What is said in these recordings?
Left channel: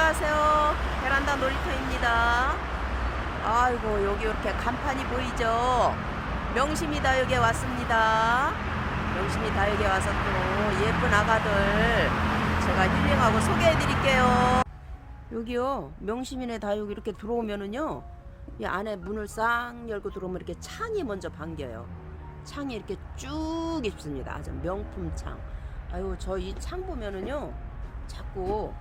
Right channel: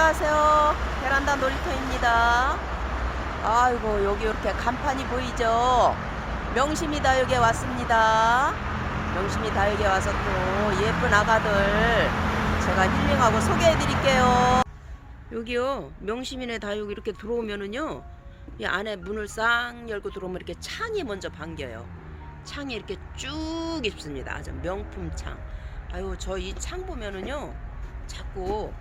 안녕하세요. 베란다 놀이터입니다. 아이고, 여기 이렇게 간판이 보이죠? 명심이 다육에 왔습니다. 명심이 다육에 와서 또 예쁜 아가들 제가 힐링하고 소개해 드릴게요. 여기요, 명심이네 다육 이렇게 들어오면은요, 이 안에 문을 싹 열고 들어오면 이렇게 창이 먼저 반겨요. 창이 이렇게 쭉 있습니다. 아주 명품 창. 아유, 저 이 창 보면은요, 자꾸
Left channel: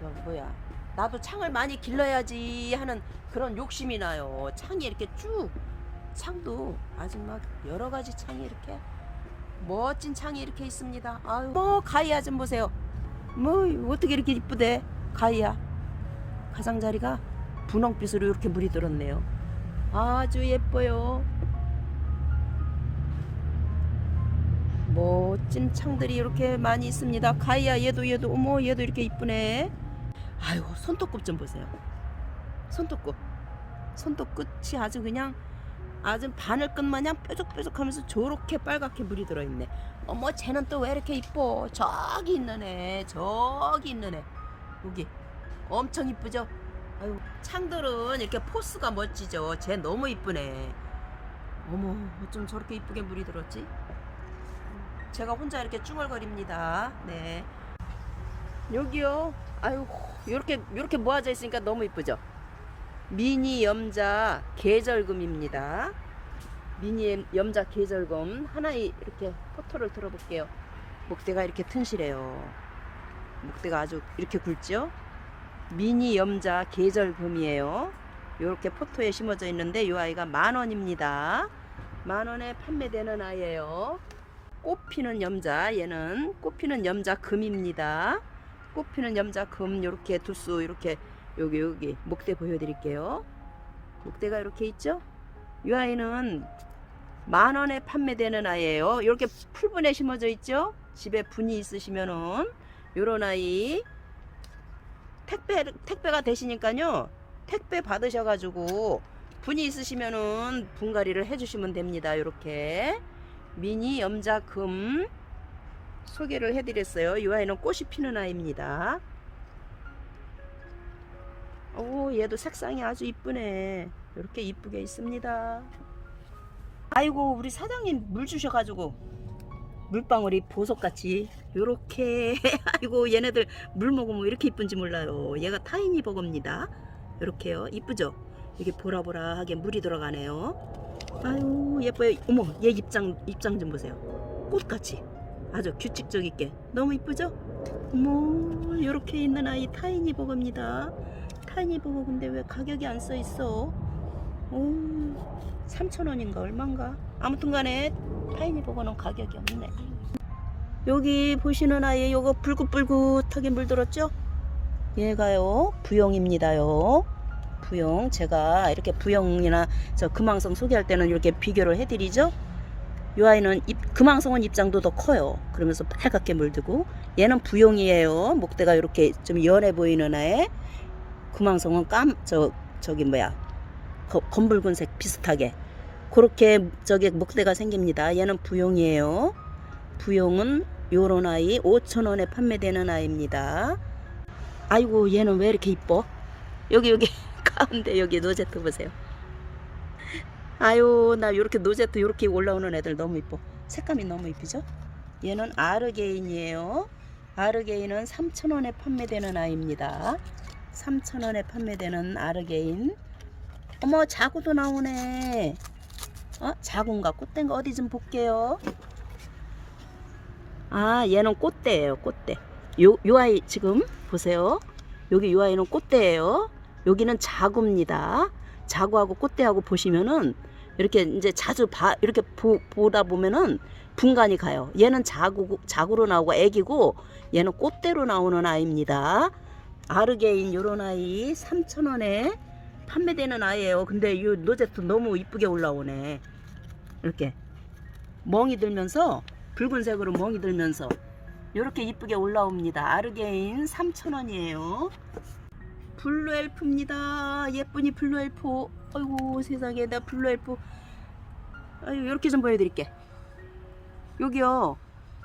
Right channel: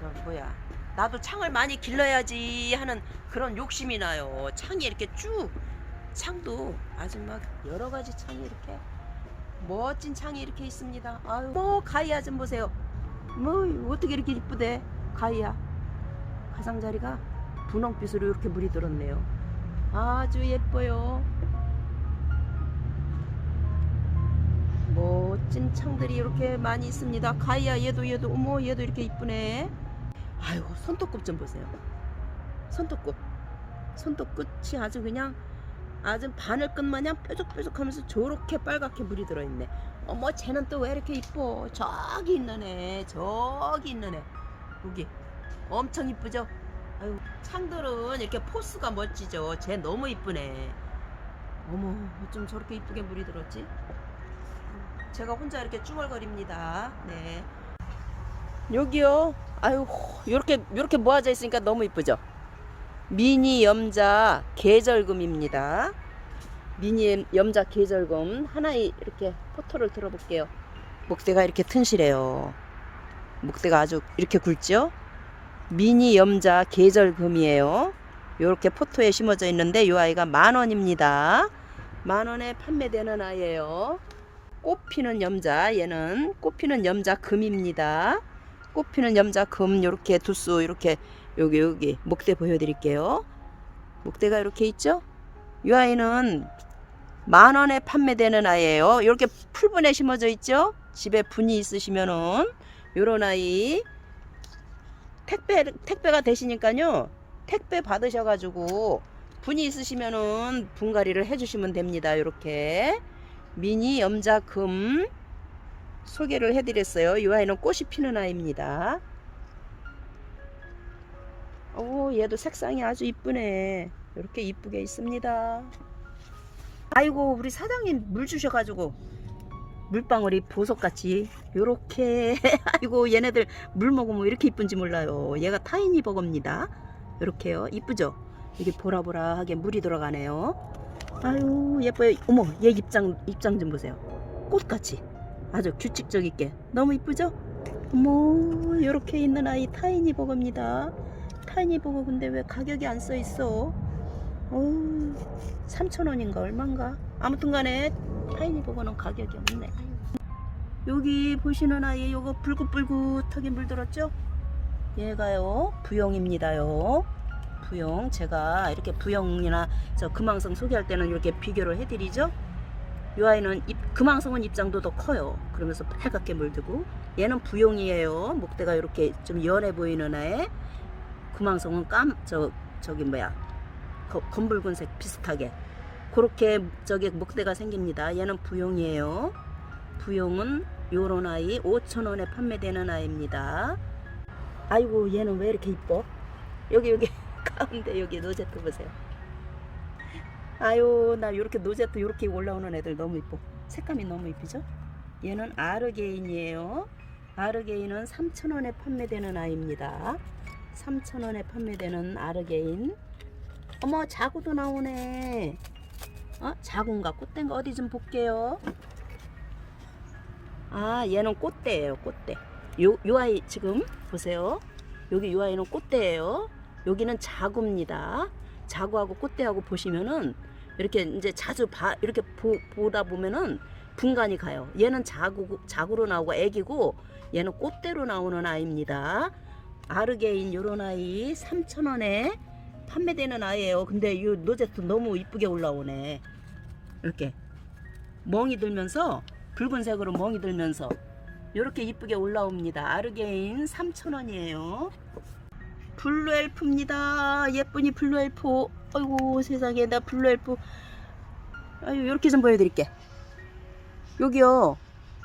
저 뭐야 나도 창을 많이 길러야지 하는 그런 욕심이 나요. 창이 이렇게 쭉 창도 아주 막 여러 가지 창이 이렇게 멋진 창이 이렇게 있습니다. 아유. 뭐 가이아 좀 보세요. 뭐 어떻게 이렇게 이쁘대? 가이아 가장자리가 분홍빛으로 이렇게 물이 들었네요. 아주 예뻐요. 멋진 창들이 이렇게 많이 있습니다. 가이아 얘도 얘도. 어머 얘도 이렇게 이쁘네 아유 손톱끝 좀 보세요. 손톱끝 손톱끝이 아주 그냥 아주 바늘끝 마냥 뾰족뾰족하면서 저렇게 빨갛게 물이 들어있네. 어머 쟤는 또 왜 이렇게 이뻐? 저기 있는 애 저기 있는 애. 여기 엄청 이쁘죠? 아유 창들은 이렇게 포스가 멋지죠? 쟤 너무 이쁘네. 어머 어쩜 저렇게 이쁘게 물이 들었지? 제가 혼자 이렇게 쭈글거립니다. 네 여기요. 아유, 요렇게 요렇게 모아져 있으니까 너무 이쁘죠. 미니 염자 계절금입니다. 미니 염자 계절금 하나에 이렇게 포토를 들어볼게요. 목대가 이렇게 튼실해요. 목대가 아주 이렇게 굵죠? 미니 염자 계절금이에요. 요렇게 포토에 심어져 있는데 이 아이가 만 원입니다. 만 원에 판매되는 아이예요. 꽃피는 염자 얘는 꽃피는 염자 금입니다. 꽃피는 염자 금 요렇게 두수 이렇게 여기 여기 목대 보여드릴게요. 목대가 이렇게 있죠? 이 아이는 만 원에 판매되는 아이예요. 이렇게 풀분에 심어져 있죠? 집에 분이 있으시면은 요런 아이 택배 택배가 되시니까요. 택배 받으셔가지고 분이 있으시면은 분갈이를 해주시면 됩니다. 이렇게 미니 염자금 소개를 해드렸어요. 이 아이는 꽃이 피는 아이입니다. 오, 얘도 색상이 아주 이쁘네. 이렇게 이쁘게 있습니다. 아이고, 우리 사장님 물 주셔가지고 물방울이 보석같이 요렇게 아이고 얘네들 물 먹으면 왜 이렇게 이쁜지 몰라요. 얘가 타이니 버거입니다. 이렇게요. 이쁘죠? 이게 보라보라하게 물이 들어가네요. 아유 예뻐요. 어머 얘 입장 입장 좀 보세요. 꽃같이. 아주 규칙적 있게 너무 이쁘죠? 뭐 이렇게 있는 아이 타이니 버거입니다. 타이니 버거 근데 왜 가격이 안 써 있어? 어 3,000원인가 얼마인가? 아무튼 간에 타이니 버거는 가격이 없네. 여기 보시는 아이 요거 불긋불긋하게 물들었죠? 얘가요 부영입니다요. 부영 제가 이렇게 부영이나 저 금왕성 소개할 때는 이렇게 비교를 해드리죠. 이 아이는 입, 금왕성은 입장도 더 커요. 그러면서 빨갛게 물들고 얘는 부용이에요. 목대가 이렇게 좀 연해 보이는 아에 금왕성은 깜 저 저기 뭐야 거, 검붉은색 비슷하게 그렇게 저기 목대가 생깁니다. 얘는 부용이에요. 부용은 요런 아이 5천원에 판매되는 아이입니다. 아이고 얘는 왜 이렇게 이뻐? 여기 여기 가운데 여기 노제트 보세요. 아유 나 요렇게 노제트 요렇게 올라오는 애들 너무 이뻐. 색감이 너무 이쁘죠? 얘는 아르게인이에요. 아르게인은 3,000원에 판매되는 아이입니다. 3,000원에 판매되는 아르게인. 어머 자구도 나오네. 어? 자구인가? 꽃대인 거 어디 좀 볼게요. 아 얘는 꽃대예요 꽃대. 요, 요 아이 지금 보세요. 여기 요 아이는 꽃대예요. 여기는 자구입니다. 자구하고 꽃대하고 보시면은 이렇게 이제 자주 봐 이렇게 보, 보다 보면은 분간이 가요. 얘는 자구 자구로 나오고 애기고 얘는 꽃대로 나오는 아이입니다. 아르게인 요런 아이 3,000원에 판매되는 아이예요. 근데 이 노제트 너무 이쁘게 올라오네. 이렇게 멍이 들면서 붉은색으로 멍이 들면서 이렇게 이쁘게 올라옵니다. 아르게인 3,000원이에요. 블루 엘프입니다. 예쁜이 블루 엘프. 아이고 세상에 나 블루 엘프. 아유 이렇게 좀 보여드릴게. 여기요.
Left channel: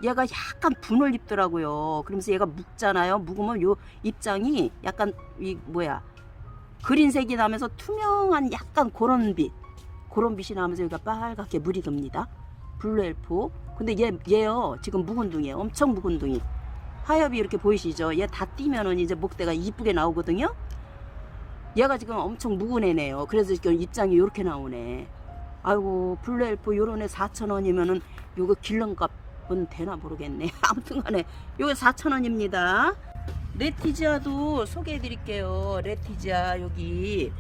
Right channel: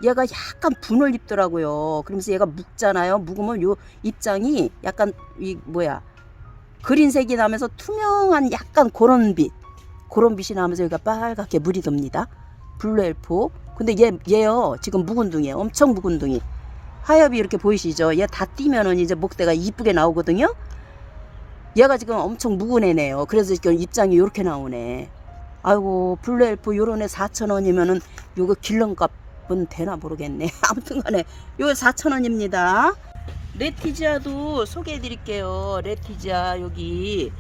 얘가 약간 분을 입더라고요. 그러면서 얘가 묵잖아요. 묵으면 요 입장이 약간 이 뭐야 그린색이 나면서 투명한 약간 그런 빛, 그런 빛이 나면서 여기가 빨갛게 물이 돕니다. 블루엘프. 근데 얘 얘요 지금 묵은둥이에요. 엄청 묵은둥이. 하엽이 이렇게 보이시죠? 얘다 띄면은 이제 목대가 이쁘게 나오거든요. 얘가 지금 엄청 묵은 애네요. 그래서 지금 입장이 이렇게 나오네. 아이고 블루엘프 요런 애 4,000원이면은 요거 길렁값은 되나 모르겠네. 아무튼 간에 요거 4,000원입니다. 레티지아도 소개해 드릴게요. 레티지아 여기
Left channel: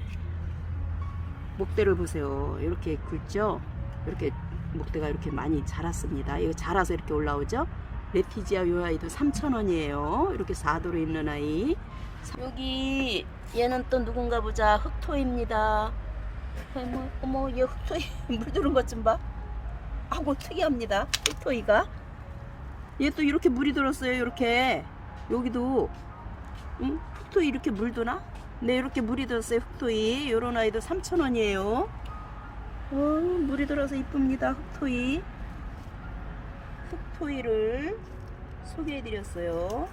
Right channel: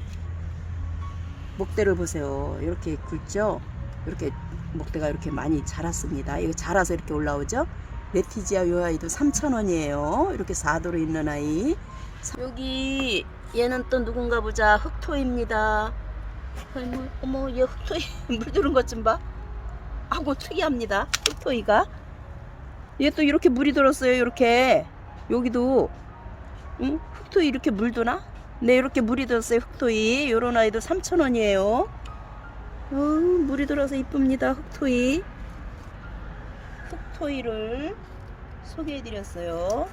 목대를 보세요. 이렇게 굵죠? 이렇게 목대가 이렇게 많이 자랐습니다. 이거 자라서 이렇게 올라오죠? 레티지아 요 아이도 3,000원이에요. 이렇게 4도로 있는 아이. 여기 얘는 또 누군가 보자. 흑토입니다. 어머, 어머 얘 흑토이 물 들은 것 좀 봐. 아고 특이합니다. 흑토이가. 얘 또 이렇게 물이 들었어요. 이렇게 여기도 응? 흑토이 이렇게 물드나? 네 이렇게 물이 들었어요. 흑토이 요런 아이도 3,000원이에요. 어, 물이 들어서 이쁩니다. 흑토이. 흑토이를 소개해드렸어요.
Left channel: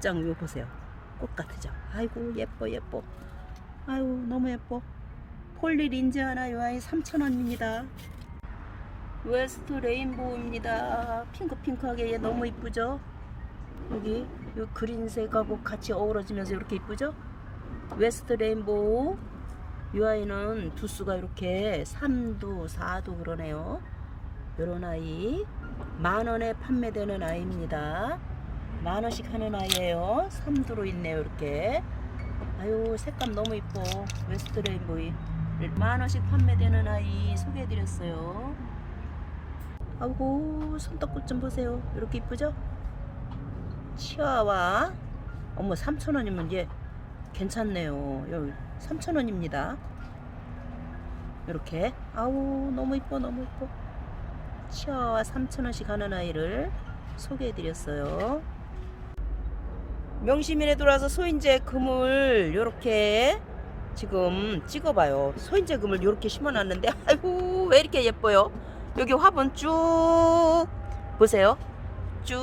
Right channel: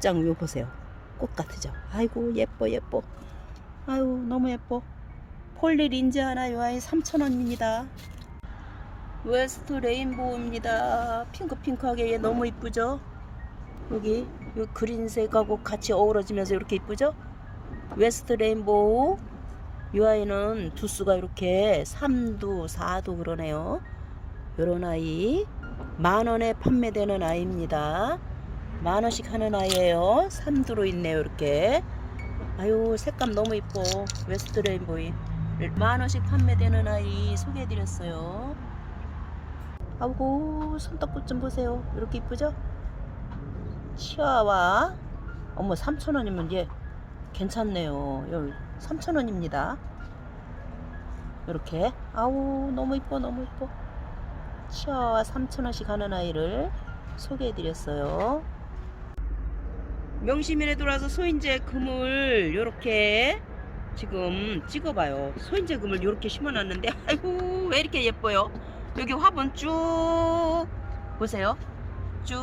짱 이거 보세요. 꽃 같으죠? 아이고 예뻐 예뻐. 아유 너무 예뻐. 폴리 린즈 하나 요 아이 3,000원입니다. 웨스트 레인보우입니다. 핑크핑크하게 얘 너무 이쁘죠? 여기 요 그린색하고 같이 어우러지면서 이렇게 이쁘죠? 웨스트 레인보우 이 아이는 두수가 이렇게 3도 4도 그러네요. 요런 아이 만원에 판매되는 아이입니다. 만원씩 하는 아이예요. 3도로 있네요 이렇게. 아유 색감 너무 이뻐. 웨스트 레인보이 만원씩 판매되는 아이 소개해드렸어요. 아이고 손톱꽃 좀 보세요. 이렇게 이쁘죠? 치아와 어머 3,000원이면 얘 괜찮네요. 3,000원입니다. 이렇게 아우 너무 이뻐 너무 이뻐. 치아와 3,000원씩 하는 아이를 소개해 드렸어요. 명시민에 들어와서 소인제 금을 이렇게 지금 찍어봐요. 소인제 금을 이렇게 심어놨는데 아이고 왜 이렇게 예뻐요? 여기 화분 쭉 보세요. 쭉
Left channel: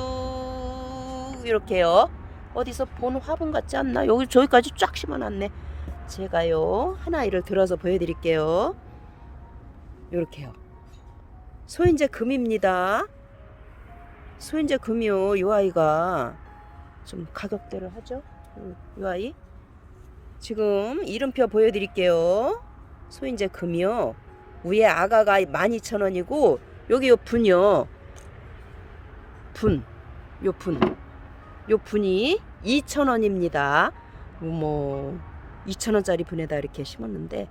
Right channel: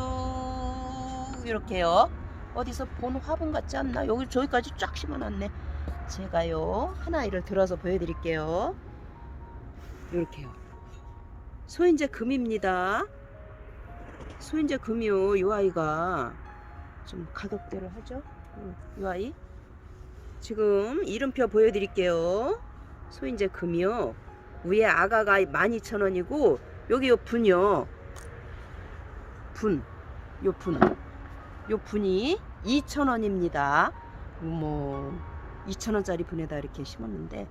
이렇게요. 어디서 본 화분 같지 않나? 여기 저기까지 쫙 심어놨네. 제가요 하나 이를 들어서 보여드릴게요. 이렇게요. 소인제 금입니다. 소인제 금이요. 이 아이가 좀 가격대를 하죠. 이 아이 지금 이름표 보여드릴게요. 소인제 금이요. 위에 아가가 12,000원이고 여기 요 분이요. 분. 요 분. 요 분이 2,000원입니다. 뭐 2,000원짜리 분에다 이렇게 심었는데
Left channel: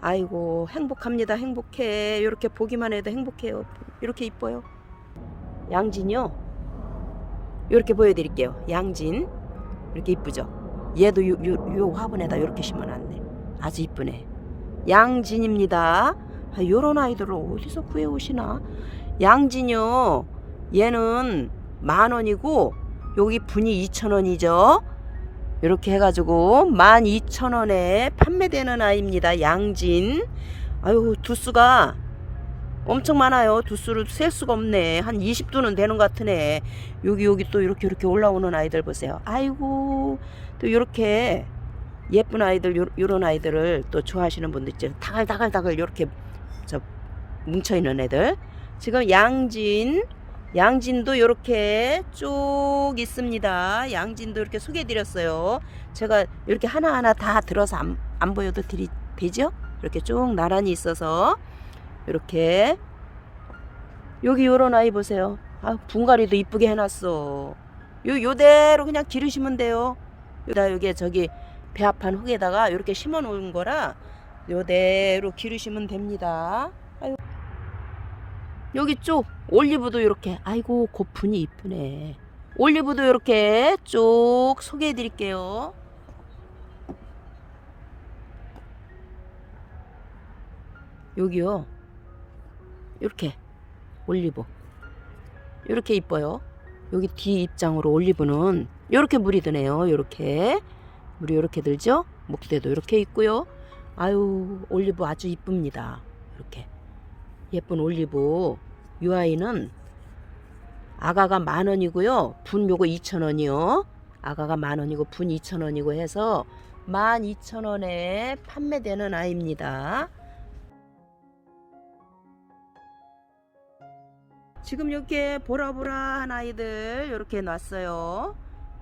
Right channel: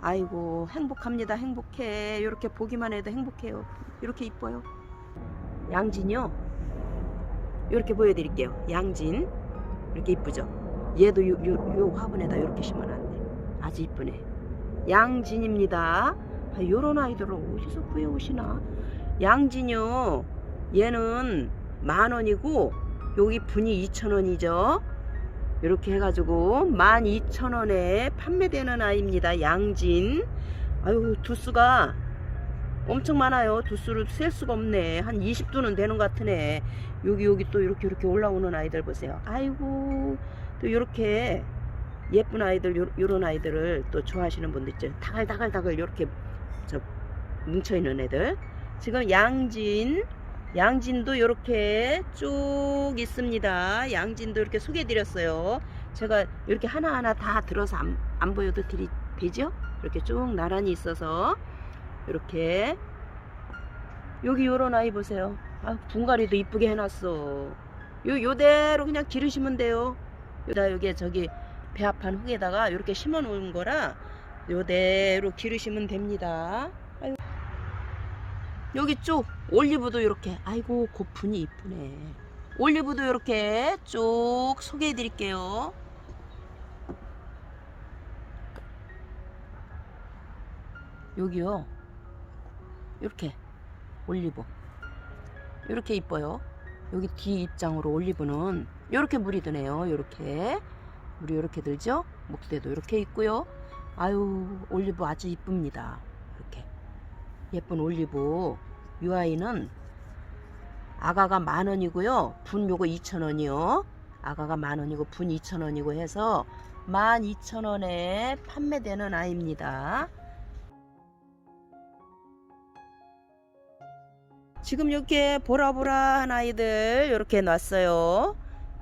아이고 행복합니다. 행복해. 이렇게 보기만 해도 행복해요. 이렇게 이뻐요. 양진이요. 이렇게 보여드릴게요. 양진 이렇게 이쁘죠. 얘도 요, 요, 요 화분에다 이렇게 심어놨네. 아주 이쁘네. 양진입니다. 아, 요런 아이들을 어디서 구해오시나? 양진요. 얘는 만 원이고 여기 분이 2,000원이죠. 이렇게 해가지고 12,000원에 판매되는 아이입니다. 양진. 아유 두수가 엄청 많아요. 두수를 셀 수가 없네. 한 20두는 되는 것 같으네. 여기 여기 또 이렇게 이렇게 올라오는 아이들 보세요. 아이고 또 이렇게 예쁜 아이들 요, 요런 아이들을 또 좋아하시는 분들 있죠. 다갈다갈다갈 이렇게 저 뭉쳐 있는 애들. 지금 양진 양진도 이렇게 쭉 있습니다. 양진도 이렇게 소개해드렸어요. 제가 이렇게 하나하나 다 들어서 안, 안 보여도 드리, 되죠? 이렇게 쭉 나란히 있어서 이렇게 여기 요런 아이 보세요. 아, 분갈이도 이쁘게 해놨어. 요, 요대로 그냥 기르시면 돼요. 요다 여기 저기 배합한 흙에다가 이렇게 심어 놓은 거라 요대로 기르시면 됩니다. 여기 쭉 올리브도 이렇게 아이고 고분이 이쁘네. 올리브도 이렇게 쭉 소개해 드릴게요. 여기요. 이렇게 올리브. 이렇게 이뻐요. 여기 뒤 입장으로 올리브는 이렇게 물이 드네요. 이렇게 물이 이렇게 들죠? 목대도 이렇게 있고요. 아유 올리브 아주 이쁩니다. 이렇게 예쁜 올리브 이 아이는 아가가 만 원이고요. 분 요거 2천 원이요. 아가가 만 원이고 분 2천 원이고 해서 만 2천 원에 판매되는 아이입니다. 지금 이렇게 보라보라한 아이들 이렇게 놨어요.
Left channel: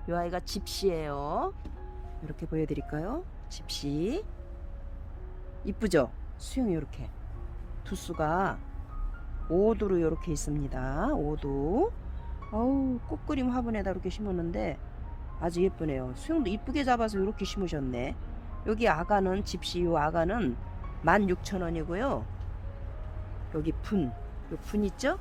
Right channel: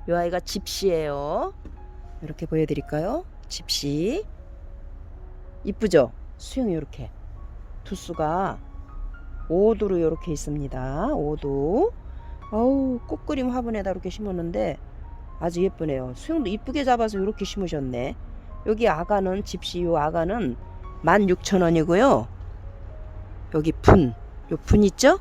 이 아이가 집시예요. 이렇게 보여드릴까요? 집시. 이쁘죠? 수영이 이렇게 두수가 5도로 이렇게 있습니다. 5도. 어우 꽃그림 화분에다 이렇게 심었는데 아주 예쁘네요. 수영도 이쁘게 잡아서 이렇게 심으셨네. 여기 아가는 집시 요 아가는 16,000원이고요. 여기 분, 요 분 있죠?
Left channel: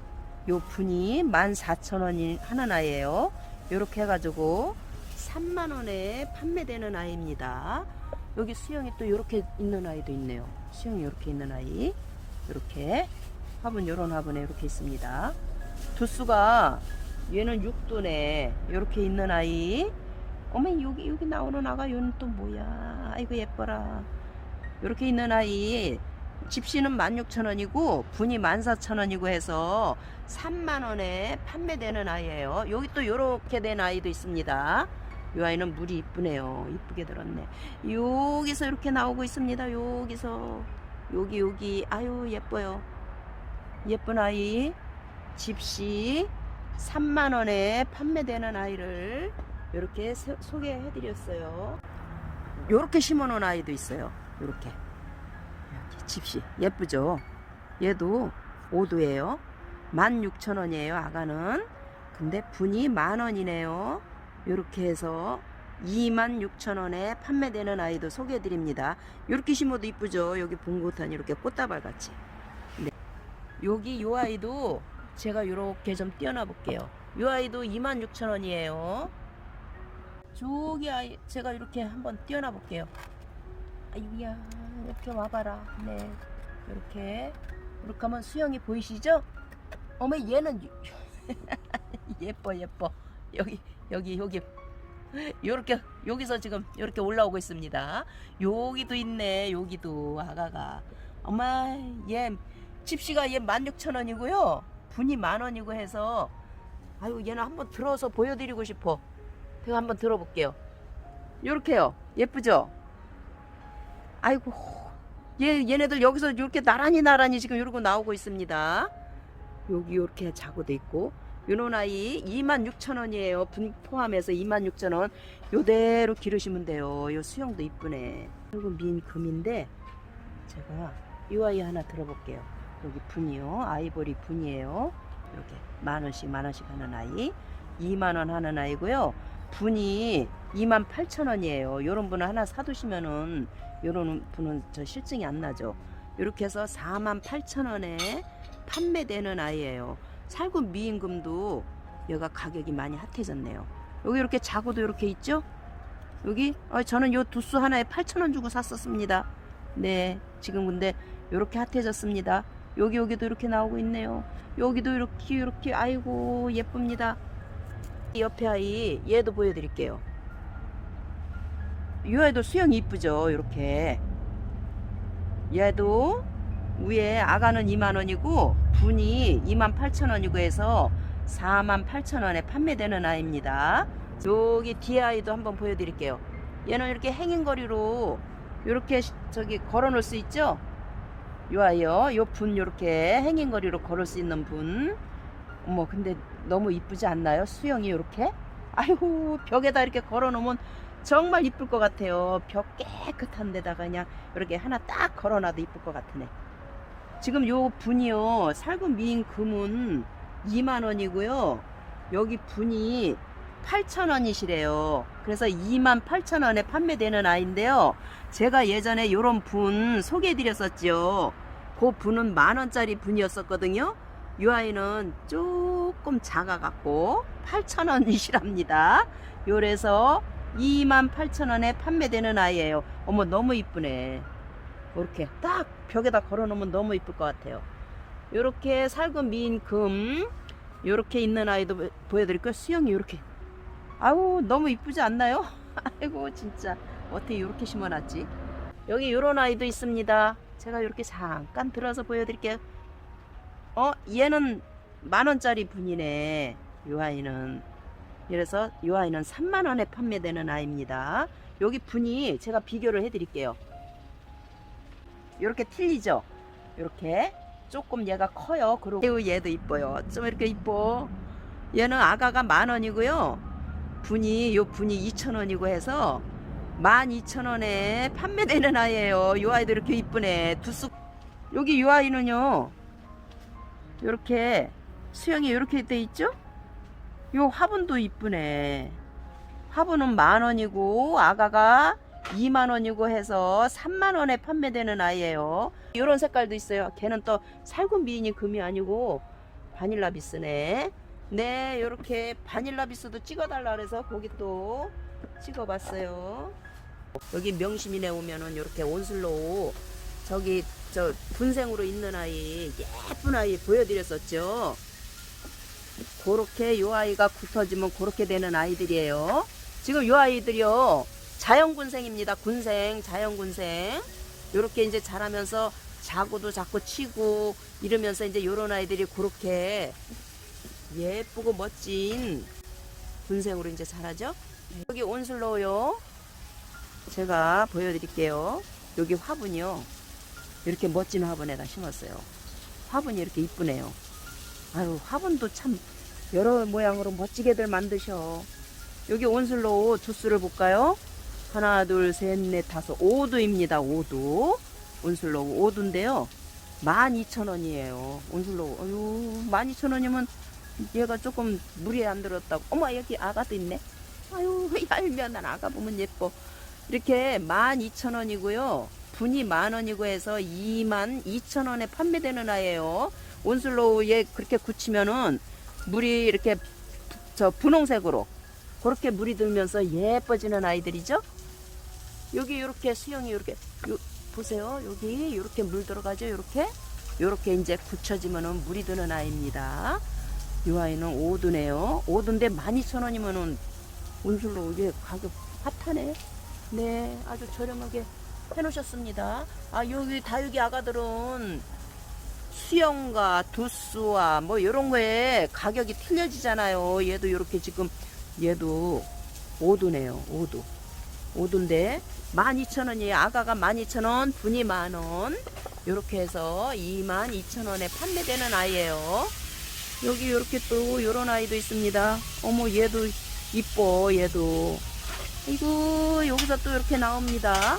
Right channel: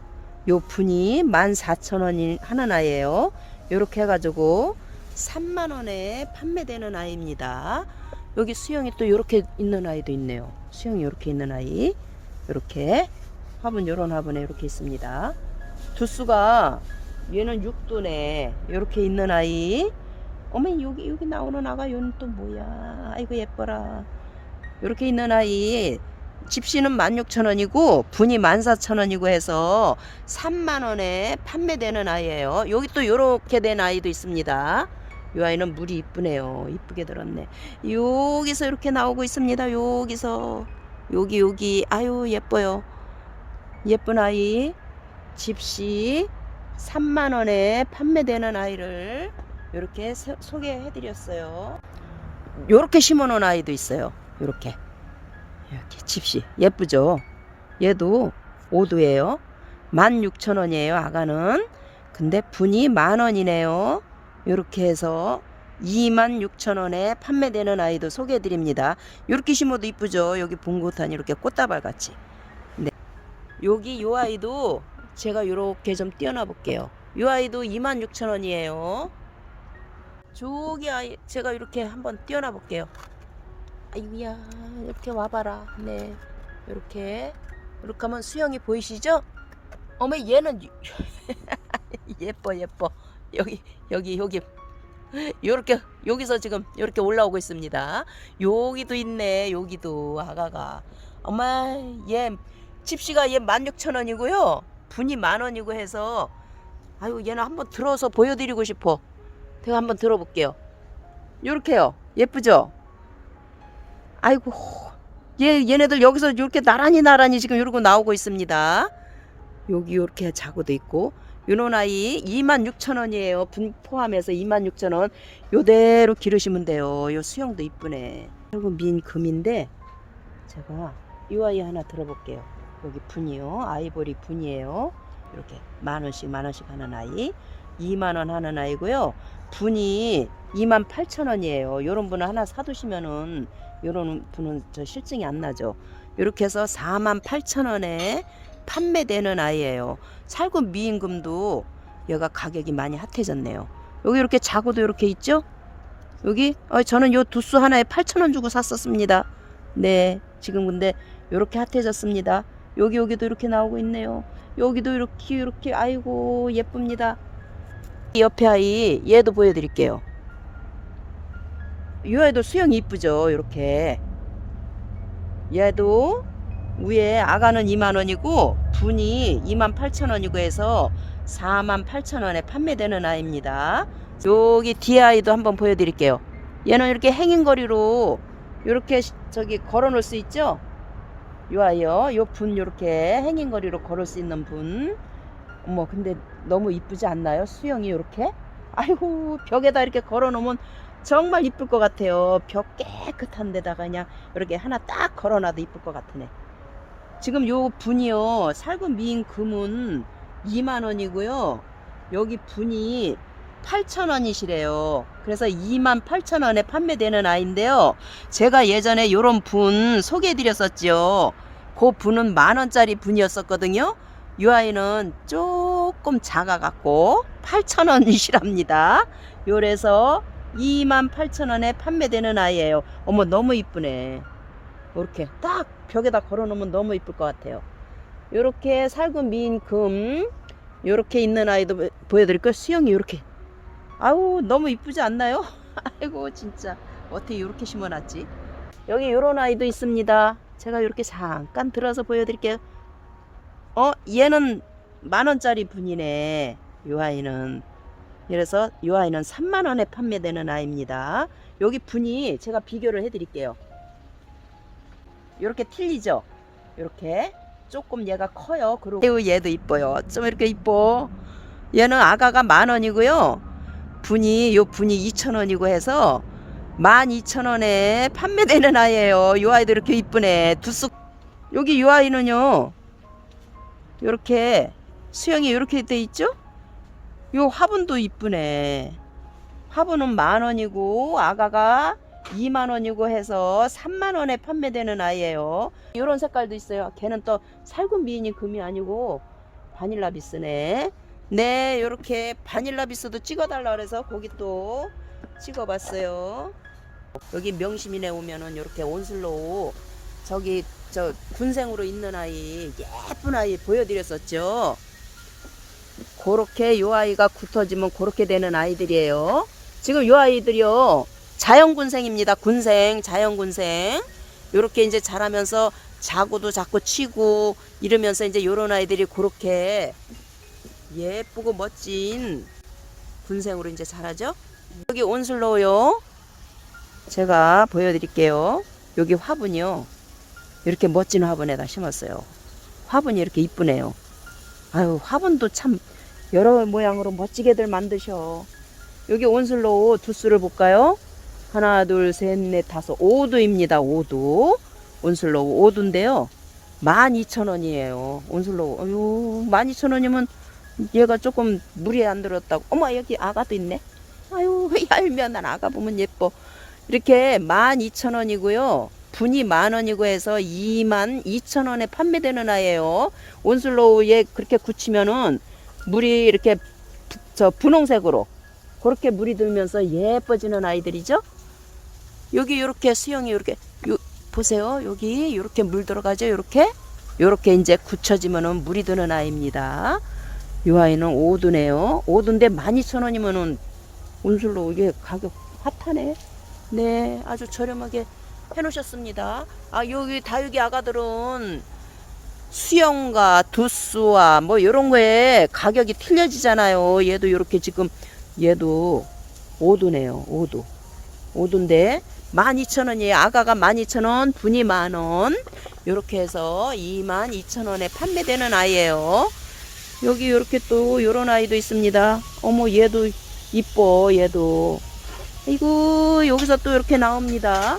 요 분이 14,000원이 하는 아이예요. 요렇게 해 가지고 3만 원에 판매되는 아이입니다. 여기 수영이 또 요렇게 있는 아이도 있네요. 수영이 요렇게 있는 아이. 요렇게. 화분 요런 화분에 이렇게 있습니다. 두수가 얘는 6도네. 요렇게 있는 아이. 어머 여기 여기 나오는 아가 얘는 또 뭐야? 아이고 예뻐라. 요렇게 있는 아이 집시는 16,000원이고 분이 14,000원이고 해서 3만 원에 판매되는 아이예요. 여기 또 요렇게 된 아이도 있습니다. 이 아이는 물이 이쁘네요. 이쁘게 들었네. 여기서 이렇게 나오고 있습니다. 여기서 여기 여기 아유 예뻐요. 예쁜 아이 집시 3만 원에 판매되는 아이를 이렇게 소개해 드렸어요. 요렇게 심어 놓은 아이도 있어요. 요렇게. 이렇게 집시 예쁘죠? 얘도 5도예요. 16,000원이에요. 아가는. 근데 분이 만 원이네요. 요렇게 해서 26,000원에 판매되는 아이도 소개해 드립니다. 요렇게 심어도 이쁘죠? 여기 봉고탄 이렇게 꽃다발 같이. 네. 여기 요 아이도 제가 요렇게 좀 띄어놔 볼게요. 요 아이도 26,000원이에요. 저기 아이 제가 이렇게 한번 띄어놔 볼게요. 아이고야 이렇게 와봐라 네 이렇게 이렇게 하면 수영이 보이시죠 어머 얘는 예뻐 예뻐 여기 여기 여기 요렇게 여기서 지금 이렇게 올라오고 있습니다 여기도 있네 여기도 아가가 엄마 얘 집시가 얘 16,000원이고요 분이 만 원이고 해서 아유 얘는 한번 들어서 보여드리고 싶어 제가 한번 들어볼게요 요렇게요 예쁘죠 아이고 얘 얘네들 여기서 이렇게 나란히 나란히 지금 이러고 나오고 있습니다. 여기 이렇게 자고도 있고 요런 아이 26,000원이에요. 분 포함해서 26,000원. 요대로 기르시면 돼요. 요 수영도 이쁘네. 그리고 민 금인데 제가 이 아이 하나 들어볼게요. 여기 분이요. 아이보리 분이에요. 이렇게 만 원씩 만 원씩 하는 아이. 2만 원 하는 아이고요. 분이 2만 8천 원이에요. 요런 분을 하나 사두시면은 요런 분은 저 실증이 안 나죠. 이렇게 해서 4만 8천 원에 판매되는 아이예요. 살구 미임금도 얘가 가격이 많이 핫해졌네요. 여기 이렇게 자고도 이렇게 있죠? 여기 어, 저는 요 두수 하나에 8천 원 주고 샀었습니다. 네, 지금 근데 이렇게 핫해졌습니다. 여기 여기도 이렇게 나오고 있네요. 여기도 이렇게 이렇게 아이고 예쁩니다. 이 옆에 아이 얘도 보여드릴게요. 이 아이도 수영이 이쁘죠 이렇게 얘도 위에 아가는 2만원이고 분이 2만 8천원이고 해서 4만 8천원에 판매되는 아이입니다 여기 뒤에 아이도 한번 보여드릴게요 얘는 이렇게 행인거리로 이렇게 저기 걸어 놓을 수 있죠 요 아이요 요분 이렇게 행인거리로 걸을 수 있는 분 어머 근데 너무 이쁘지 않나요 수영이 이렇게 아이고 벽에다 이렇게 걸어 놓으면 정말 이쁠 것 같아요. 벽 깨끗한 데다가 그냥 이렇게 하나 딱 걸어놔도 이쁠 것 같으네. 지금 요 분이요. 살금 미인 금은 2만원이고요. 여기 분이 8천원이시래요. 그래서 2만 8천원에 판매되는 아이인데요. 제가 예전에 요런 분 소개해드렸었지요. 그 분은 만원짜리 분이었었거든요. 이 아이는 조금 작아갖고 8천원이시랍니다. 요래서 28,000원에 판매되는 아이예요. 어머 너무 이쁘네. 이렇게 딱 벽에다 걸어놓으면 너무 이쁠 것 같아요. 이렇게 살금 미인 금 이렇게 있는 아이도 보- 보여드릴까요? 수영이 이렇게. 아우 너무 이쁘지 않나요? 아이고 진짜 어떻게 이렇게 심어놨지? 여기 이런 아이도 있습니다. 제가 이렇게 잠깐 들어서 보여드릴게요. 어 얘는 만 원짜리 분이네. 요 아이는 그래서 요 아이는 3만 원에 판매되는 아이입니다. 여기 분이 제가 비교를 해드릴게요. 이렇게 틀리죠? 이렇게 조금 얘가 커요. 그리고 얘도 이뻐요. 좀 이렇게 이뻐. 얘는 아가가 만 원이고요. 분이 요 분이 2천 원이고 해서 12,000원에 판매되는 아이예요. 요 아이도 이렇게 이쁘네. 두쑥 여기 요 아이는요. 요렇게 수영이 이렇게 돼 있죠? 요 화분도 이쁘네. 화분은 만 원이고 아가가 2만 원이고 해서 3만 원에 판매되는 아이예요. 이런 색깔도 있어요. 걔는 또 살균 미인이 금이 아니고 바닐라 비스네. 네, 요렇게 바닐라 비스도 찍어달라 그래서 거기 또 찍어봤어요. 여기 명심인에 오면은 이렇게 온슬로우 저기 저 군생으로 있는 아이 예쁜 아이 보여드렸었죠. 그렇게 요 아이가 굳어지면 그렇게 되는 아이들이에요. 지금 요 아이들이요 자연 군생입니다. 군생, 자연 군생. 요렇게 이제 자라면서 자고도 자꾸 치고 이러면서 이제 요런 아이들이 그렇게 예쁘고 멋진 군생으로 이제 자라죠. 여기 온슬로우요. 제가 보여드릴게요. 여기 화분이요. 이렇게 멋진 화분에다 심었어요. 화분이 이렇게 이쁘네요. 아유, 화분도 참 여러 모양으로 멋지게들 만드셔. 여기 온슬로우 두수를 볼까요? 하나, 둘, 셋, 넷, 다섯, 오두입니다. 오두. 온슬로우 오두인데요. 12,000원이에요. 온슬로우. 어유 12,000원이면 얘가 조금 물이 안 들었다고. 어머, 여기 아가도 있네. 아유, 얄미워. 난 아가 보면 예뻐. 이렇게 12,000원이고요. 분이 만 원이고 해서 2만 2천 원에 판매되는 아이예요. 온슬로우에 그렇게 굳히면은 물이 이렇게 부- 저 분홍색으로 그렇게 물이 들면서 예뻐지는 아이들이죠. 여기 이렇게 수영이 이렇게 요 보세요. 여기 이렇게 물 들어가죠. 이렇게 이렇게 이제 굳혀지면은 물이 드는 아이입니다. 이 아이는 오두네요. 오두인데 12,000원이면은 온슬로우 이게 가격 핫하네. 네, 아주 저렴하게 해놓으셨습니다. 아 여기 다육이 아가들은 수영과 두수와 뭐 이런 거에 가격이 틀려지잖아요. 얘도 이렇게 지금 얘도 오두네요. 오두. 오두인데 12,000원이에요. 아가가 12,000원, 분이 만원. 이렇게 해서 22,000원에 판매되는 아이예요. 여기 이렇게 또 이런 아이도 있습니다. 어머 얘도 이뻐 얘도. 이고 여기서 또 이렇게 나옵니다.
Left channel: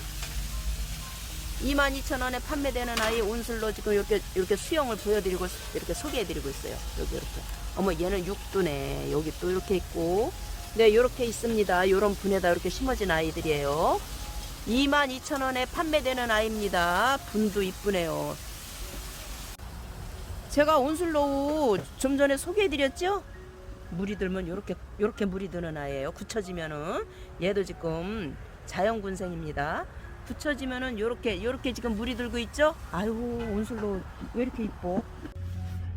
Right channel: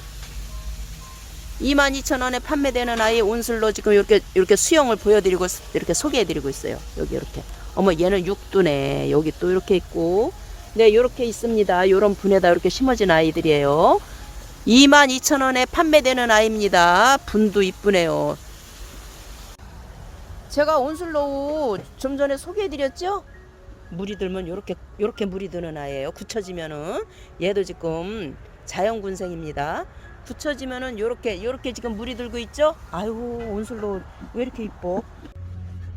22,000원에 판매되는 아이 온슬로 지금 이렇게 이렇게 수영을 보여드리고 이렇게 소개해드리고 있어요. 여기 이렇게. 어머 얘는 육두네. 여기 또 이렇게 있고. 네 이렇게 있습니다. 이런 분에다 이렇게 심어진 아이들이에요. 22,000원에 판매되는 아이입니다. 분도 이쁘네요. 제가 온슬로우 좀 전에 소개해드렸죠? 물이 들면 요렇게 요렇게 물이 드는 아이예요. 굳혀지면은 얘도 지금 자연군생입니다. 굳혀지면은 요렇게 요렇게 지금 물이 들고 있죠? 아유 온슬로우 왜 이렇게 이뻐?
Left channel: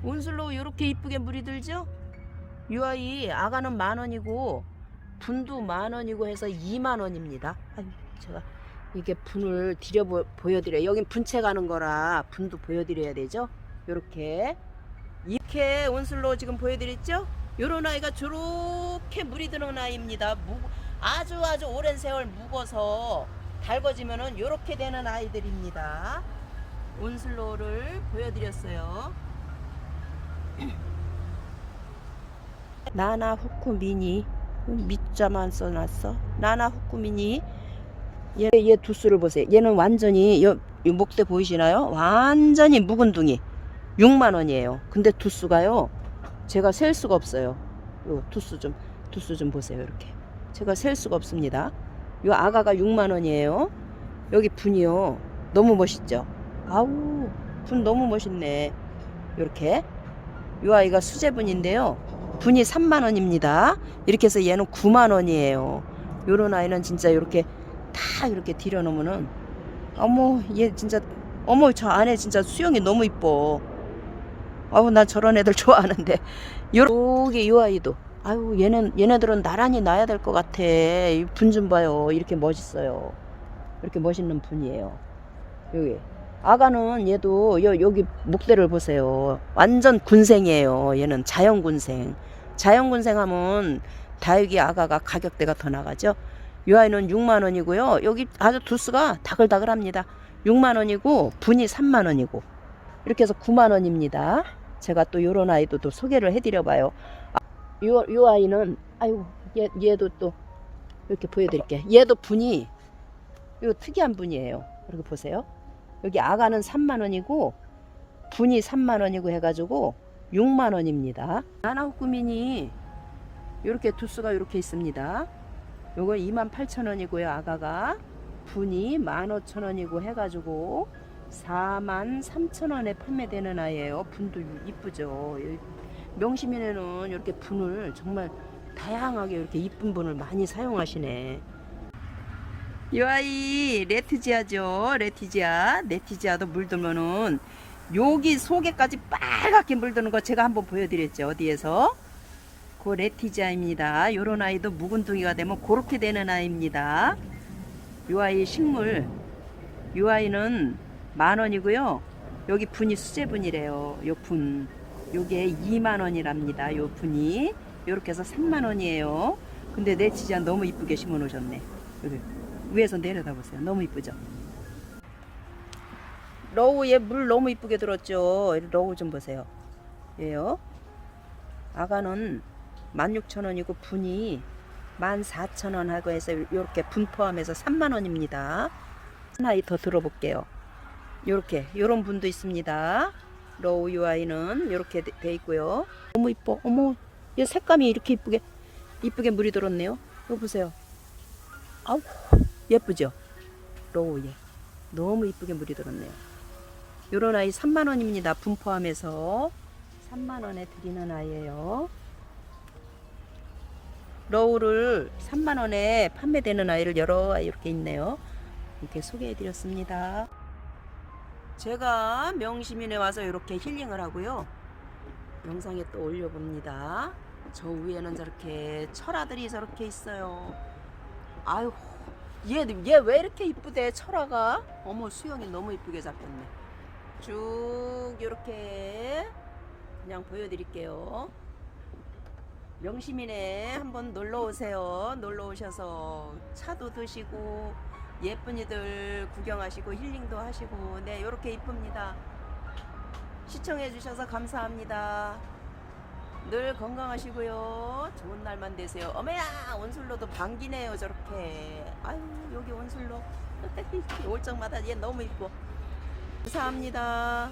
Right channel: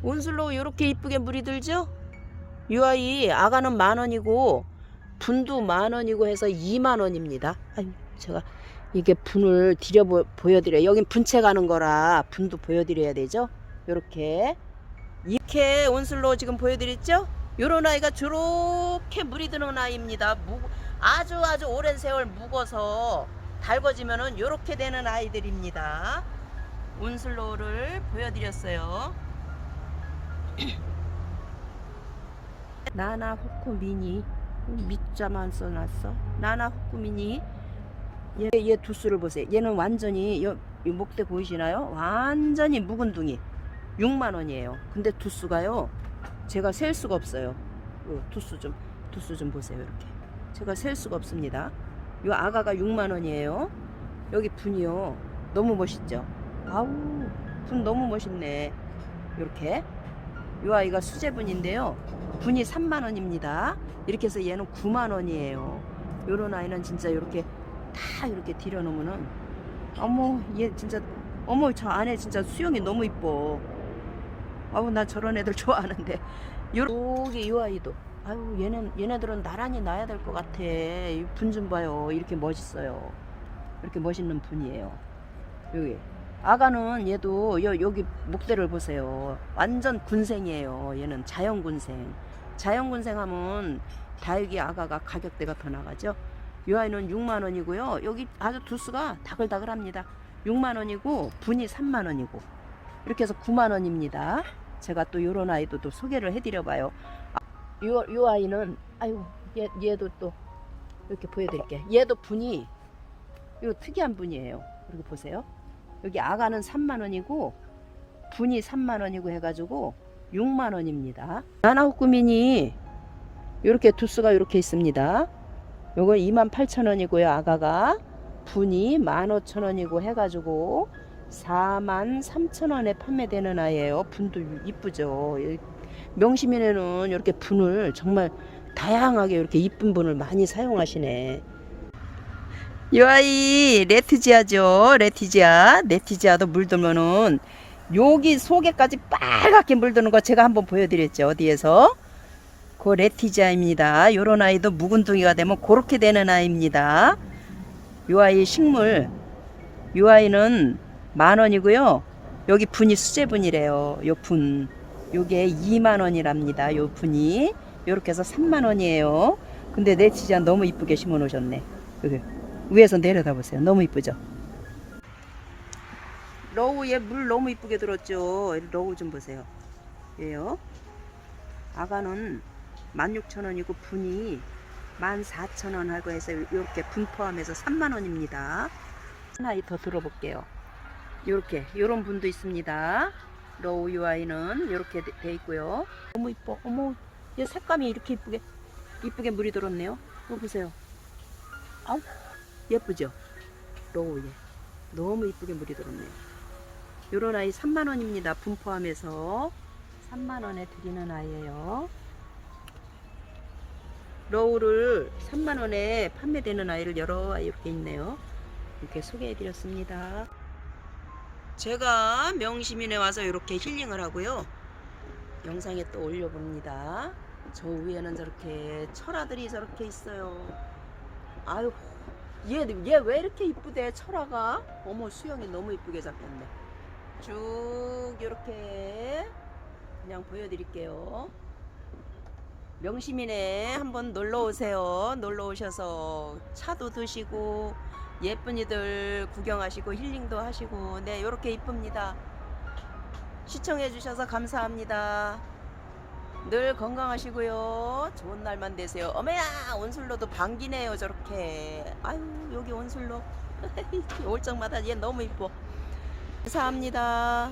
온슬로우 요렇게 이쁘게 물이 들죠? 이 아이 아가는 만 원이고 분도 만 원이고 해서 2만 원입니다. 아유 제가 이게 분을 보, 보여드려요. 여긴 분채 가는 거라 분도 보여드려야 되죠? 요렇게 이렇게 온슬로우 지금 보여드렸죠? 요런 아이가 저렇게 물이 드는 아이입니다. 무, 아주 아주 오랜 세월 묵어서 달궈지면은 요렇게 되는 아이들입니다. 온슬로우를 보여드렸어요. 나나 후쿠 미니 밑자만 써놨어. 나나 후쿠 미니 얘, 얘 두수를 보세요. 얘는 완전히 요, 요 목대 보이시나요? 완전히 묵은 둥이 6만 원이에요. 근데 두수가요. 제가 셀 수가 없어요. 요 두수 좀 두수 좀 보세요. 이렇게 제가 셀 수가 없습니다. 요 아가가 6만 원이에요. 여기 분이요. 너무 멋있죠? 아우 분 너무 멋있네. 이렇게 요 아이가 수제분인데요. 분이 3만 원입니다. 이렇게 해서 얘는 9만 원이에요. 요런 아이는 진짜 이렇게 다 이렇게 들여놓으면은 어머 얘 진짜 어머 저 안에 진짜 수영이 너무 이뻐. 아우 나 저런 애들 좋아하는데 여기 요 아이도 아유 얘는 얘네들은 나란히 놔야 될 것 같아 분 좀 봐요 이렇게 멋있어요 이렇게 멋있는 분이에요 여기 아가는 얘도 여, 여기 목대를 보세요. 완전 군생이에요. 얘는 자연 군생. 자연 군생 하면 다육이 아가가 가격대가 더 나가죠. 이 아이는 6만 원이고요. 여기 아주 두수가 다글다글합니다. 6만 원이고 분이 3만 원이고 이렇게 해서 9만 원입니다. 제가 또 요런 아이도 또 소개를 해드려 봐요. 아, 요, 요 아이는 아유 얘, 얘도 또 이렇게 보여드릴게. 얘도 분이 요 특이한 분이에요. 이렇게 보세요. 여기 아가는 3만 원이고 분이 3만 원이고 해가지고 6만 원입니다. 나나호꾸민이 이렇게 두수가 이렇게 있습니다. 요건 2만 8천 원이고요. 아가가 분이 1만 5천 원이고 해가지고 4만 3천 원에 판매되는 아이예요. 분도 이쁘죠. 이 명시민에는 이렇게 분을 정말 다양하게 이렇게 이쁜 분을 많이 사용하시네. 이 아이 레티지아죠. 레티지아. 레티지아도 물들면은 여기 속에까지 빨갛게 물드는 거 제가 한번 보여드렸죠. 어디에서? 그 레티지아입니다. 요런 아이도 묵은둥이가 되면 그렇게 되는 아이입니다. 요 아이 식물. 요 아이는 만 원이고요. 여기 분이 수제분이래요. 요 분. 요게 2만 원이랍니다. 요 분이. 요렇게 해서 3만 원이에요. 근데 레티지아 너무 이쁘게 심어 놓으셨네. 여기. 위에서 내려다 보세요. 너무 이쁘죠? 러우에 물 너무 이쁘게 들었죠? 이 러우 좀 보세요. 얘요. 아가는 16,000원이고 분이 14,000원 하고 해서 이렇게 분 포함해서 3만 원입니다. 하나 더 들어볼게요. 요렇게 요런 분도 있습니다. 러우 UI는 이렇게 돼 있고요. 너무 이뻐. 어머, 얘 색감이 이렇게 이쁘게 이쁘게 물이 들었네요. 이거 보세요. 아우 예쁘죠? 로우 얘 너무 이쁘게 물이 들었네요. 요런 아이 3만 원입니다. 분 포함해서 3만 원에 드리는 아이예요. 로우를 3만 원에 판매되는 아이를 여러 아이 이렇게 있네요. 이렇게 소개해 드렸습니다. 제가 명시민에 와서 이렇게 힐링을 하고요. 영상에 또 올려봅니다. 저 위에는 저렇게 철아들이 저렇게 있어요. 아유, 얘 얘 왜 이렇게 이쁘대 철아가? 어머 수영이 너무 이쁘게 잡혔네. 쭉 이렇게 그냥 보여드릴게요. 명시민에 한번 놀러 오세요. 놀러 오셔서 차도 드시고 예쁜이들 구경하시고 힐링도 하시고 네 이렇게 이쁩니다. 시청해 주셔서 감사합니다. 늘 건강하시고요. 좋은 날만 되세요. 어머야 온슬로도 반기네요 저렇게. 아유 여기 온슬로 올 적마다 얘 너무 이뻐. 감사합니다.